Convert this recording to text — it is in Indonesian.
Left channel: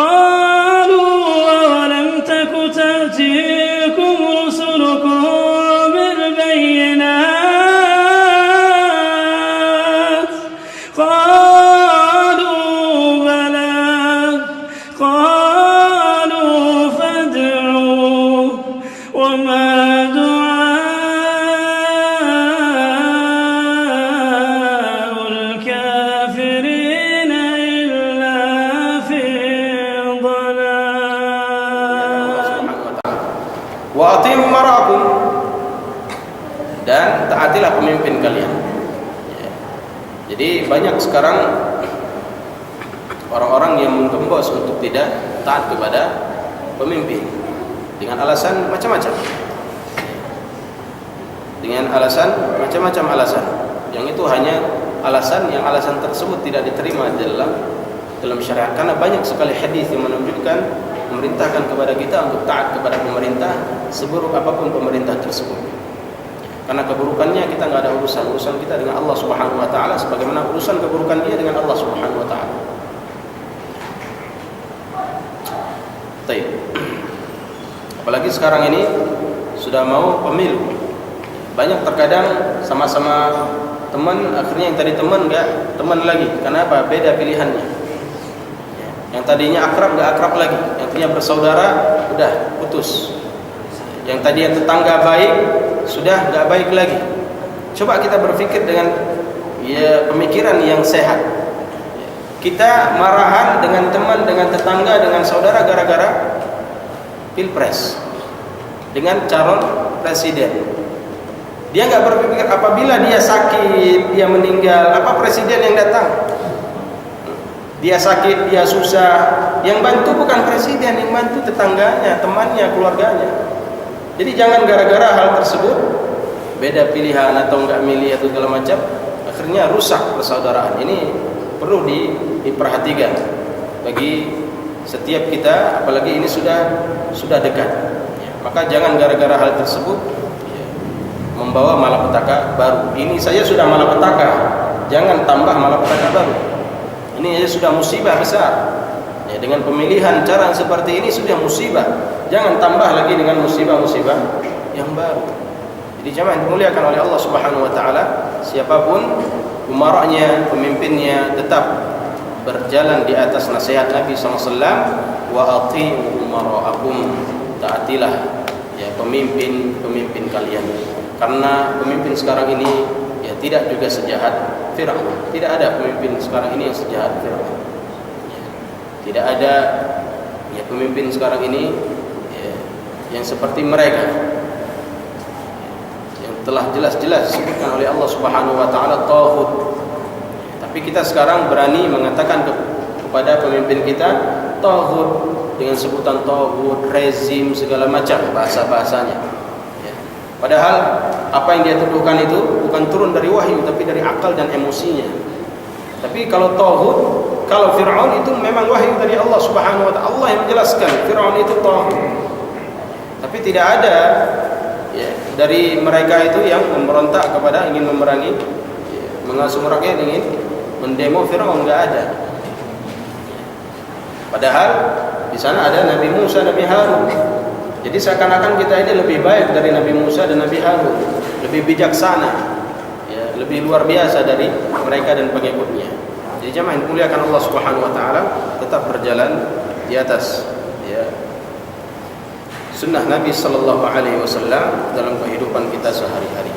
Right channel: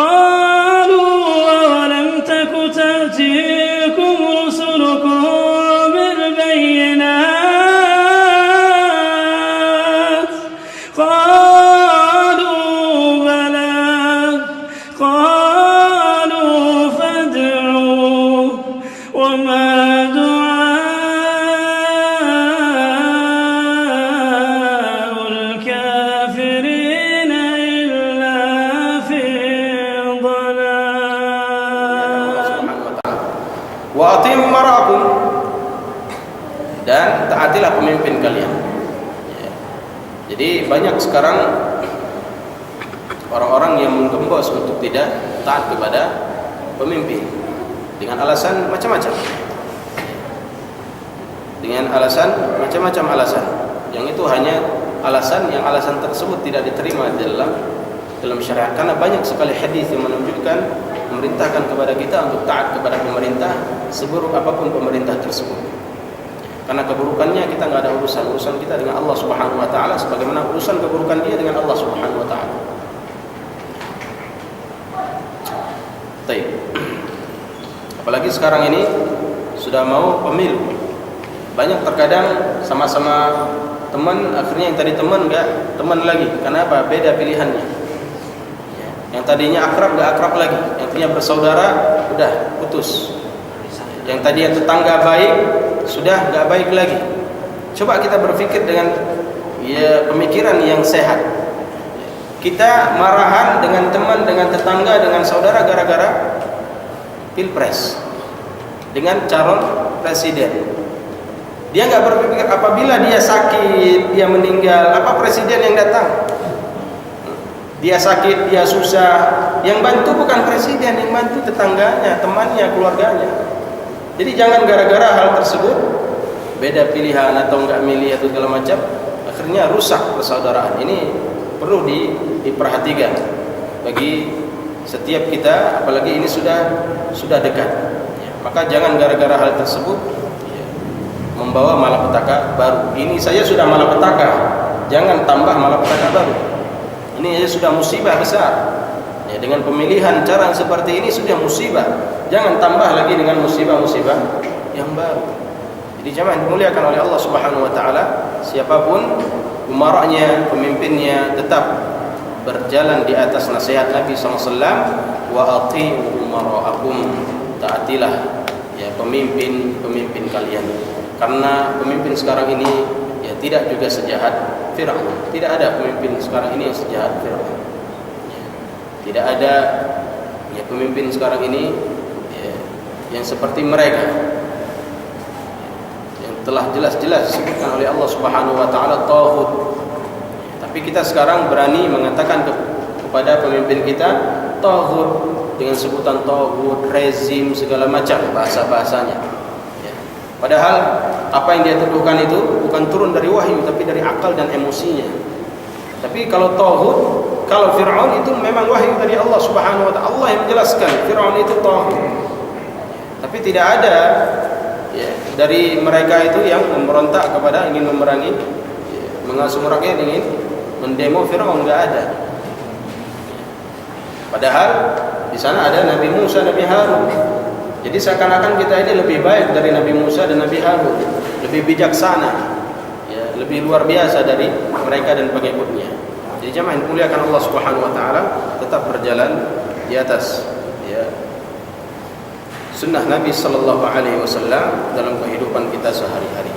قالوا أولم تك تأتيكم رسلكم بالبينات قالوا بلى قالوا فادعوا وما دعاء الكافرين إلا في ضلال. Wa atim marakum, dan taatilah pemimpin kalian. Ya. Jadi banyak sekarang orang-orang yang menggembos untuk tidak taat kepada pemimpin dengan alasan macam-macam. Dengan alasan macam-macam alasan. Yang itu hanya alasan tersebut tidak diterima dalam syariat, karena banyak sekali hadis yang menunjukkan memerintahkan kepada kita untuk taat kepada pemerintah seburuk apapun pemerintah tersebut. Karena keburukannya kita nggak ada urusan kita dengan Allah Subhanahu wa taala sebagaimana urusan keburukan dia dengan Allah Subhanahu wa taala. Baik. Apalagi sekarang ini sudah mau pemilu. Banyak terkadang sama-sama teman, akhirnya yang tadi teman nggak teman lagi. Kenapa? Beda pilihannya. Yang tadinya akrab nggak akrab lagi. Yang tadinya bersaudara udah putus. Yang tadinya tetangga baik sudah nggak baik lagi. Coba kita berpikir dengan pemikiran yang sehat. Kita marahan dengan teman, dengan tetangga, dengan saudara gara-gara pilpres dengan calon presiden. Dia nggak berpikir apabila dia sakit, dia meninggal, apa presiden yang datang? Dia sakit, dia susah, yang bantu bukan presiden, yang bantu tetangganya, temannya, keluarganya. Jadi jangan gara-gara hal tersebut beda pilihan atau enggak milih atau segala macam, akhirnya rusak persaudaraan. Ini perlu diperhatikan bagi setiap kita, apalagi ini sudah dekat. Maka jangan gara-gara hal tersebut membawa malapetaka baru. Ini saja sudah malapetaka, jangan tambah malapetaka baru. Ini sudah musibah besar. Dengan pemilihan cara seperti ini sudah musibah. Jangan tambah lagi dengan musibah-musibah yang baru. Jadi jamaah dimuliakan oleh Allah Subhanahu wa taala, siapapun umaranya, pemimpinnya, tetap berjalan di atas nasihat Nabi SAW. Wa ati'u umara'akum, taatilah pemimpin kalian. Karena pemimpin sekarang ini tidak juga sejahat Fir'aun. Tidak ada pemimpin sekarang ini yang sejahat Fir'aun. Tidak ada pemimpin sekarang ini yang seperti mereka yang telah jelas-jelas disebutkan oleh Allah Subhanahu wa taala taghut. Tapi kita sekarang berani mengatakan kepada pemimpin kita taghut dengan sebutan taghut, rezim, segala macam bahasa-bahasanya. Padahal apa yang dia tuduhkan itu bukan turun dari wahyu tapi dari akal dan emosinya. Tapi kalau taghut, kalau Fir'aun itu memang wahyu dari Allah Subhanahu wa taala. Allah yang menjelaskan Fir'aun itu taghut. Tapi tidak ada dari mereka itu yang memberontak kepada ingin memerangi, mengasuh rakyat, ingin mendemo Fir'aun, enggak ada. Padahal di sana ada Nabi Musa, Nabi Harun. Jadi seakan-akan kita ini lebih baik dari Nabi Musa dan Nabi Harun, lebih bijaksana, lebih luar biasa dari mereka dan pengikutnya. Jadi jamaah yang dimuliakan Allah Subhanahu wa taala, tetap berjalan di atas sunnah Nabi sallallahu alaihi wasallam dalam kehidupan kita sehari-hari.